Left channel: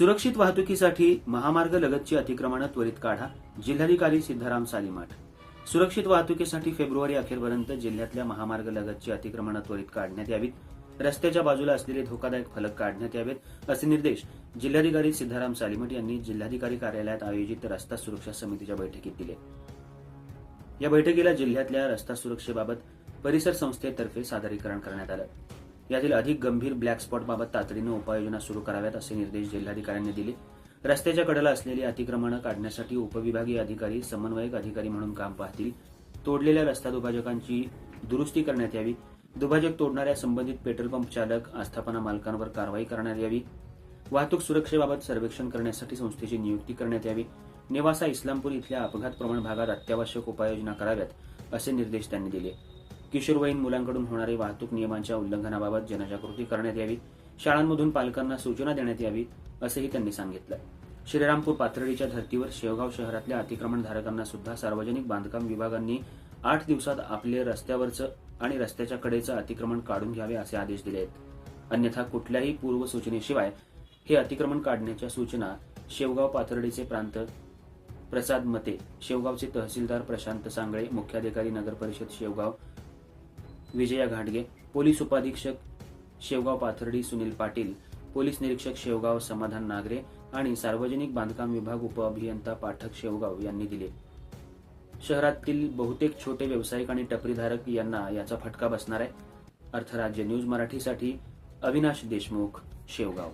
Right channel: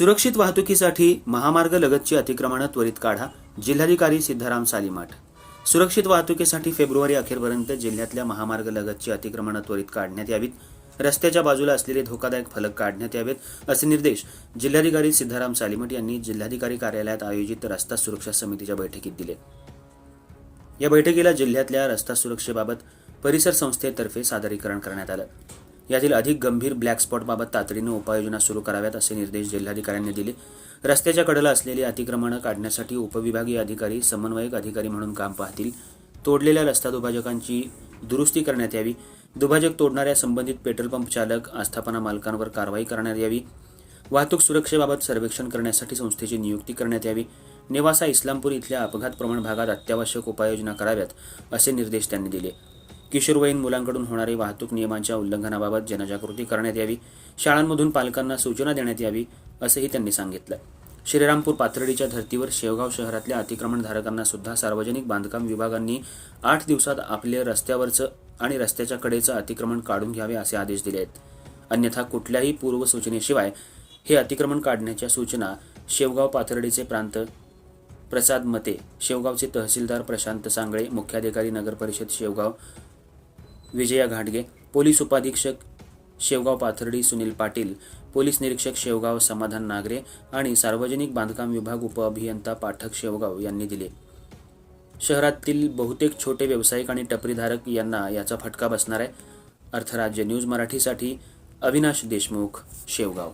सुरक्षित वाहतुकीसाठी महामार्ग लगतची अतिक्रमणं त्वरित काढा जिल्हाधिकारी सिद्धाराम सालीमाठ. सुरक्षित वाहतुकीसाठी फेब्रुवारी अखेरपर्यंत जिल्ह्यातल्या महामार्ग लगतची अतिक्रमणं त्वरित काढण्यात यावीत. रस्त्याच्या बाजूला असलेले धोकादायक फलक काढण्यात यावेत असे निर्देश जिल्हाधिकारी सिद्धाराम सालीमठ यांनी जिल्हाधिकारी कार्यालयात आयोजित रस्ता सुरक्षा समितीच्या बैठकीत दिले. या बैठकीला जिल्ह्यातल्या रस्ता सुरक्षेबाबत परिसर संस्थेतर्फे सादरीकरण करण्यात आलं. यातील अधिक गंभीर ब्लॅक स्पॉटबाबत तातडीनं उपाययोजना सुरू कराव्यात असे निर्देश जिल्हाधिकाऱ्यांनी दिले. रस्त्याच्या कडेला असलेली अतिक्रमणं काढण्यासाठी उपविभागीय अधिकारी समन्वयक अधिकारी म्हणून काम पाहतील. तोडलेल्या रस्ता दुभाजकांची दुरुस्ती करण्यात यावी. दुभाजक तोडणाऱ्या संबंधित पेट्रोल पंप चालक आस्थापना मालकांवर कारवाई करण्यात यावी. वाहतूक सुरक्षेबाबत सर्वेक्षण करण्यासाठी संस्थेची नियुक्ती करण्यात यावी. नेवासा इस्लामपूर इथल्या अपघात प्रमाण भागात अत्यावश्यक उपाययोजना कराव्यात असे निर्देश त्यांनी दिले. किशोरवयीन मुलांकडून होणारी वाहतूक नियमांच्या उल्लंघनाबाबत जनजागृती करण्यात यावी शाळांमधून पालकांना सूचना देण्यात यावी असंही त्यांनी सांगितलं. श्रीरामपूर पाथर्डीच्या धर्तीवर शेवगाव शहरातल्या अतिक्रमणधारकांना सुद्धा सार्वजनिक बांधकाम विभागांनी आठ दिवसात आपले रस्त्यावरचं आणि रस्त्याच्या कडेचं अतिक्रमण काढून घ्यावे असे आदेश दिले आहेत. अन्यथा कुठल्याही पूर्वसूचनेशिवाय हे अतिक्रमण काढण्याच्या सूचना शेवगाव पाथर्डीचे प्रांत प्रसाद मते शेवगावचे तहसीलदार प्रशांत सांगळे मुख्याधिकारी नगरपरिषद शेवगाव विजया घाटगे पोलीस उपाधीक्षक शेवगाव पाथर्डी सुनील पाटील पोलीस निरीक्षक शेवगाव समाधान नागरे आणि सार्वजनिक बांधकाम विभाग उपअभियंता पाठक शेवगाव यांनी दिले. शहरातील बहुतेक छोटे व्यावसायिक आणि टपरीधारक यांना याचा फटका बसणार आहे. अर्थराज्य न्यूज मराठीसाठी अविनाश देशमुख शेवगाव.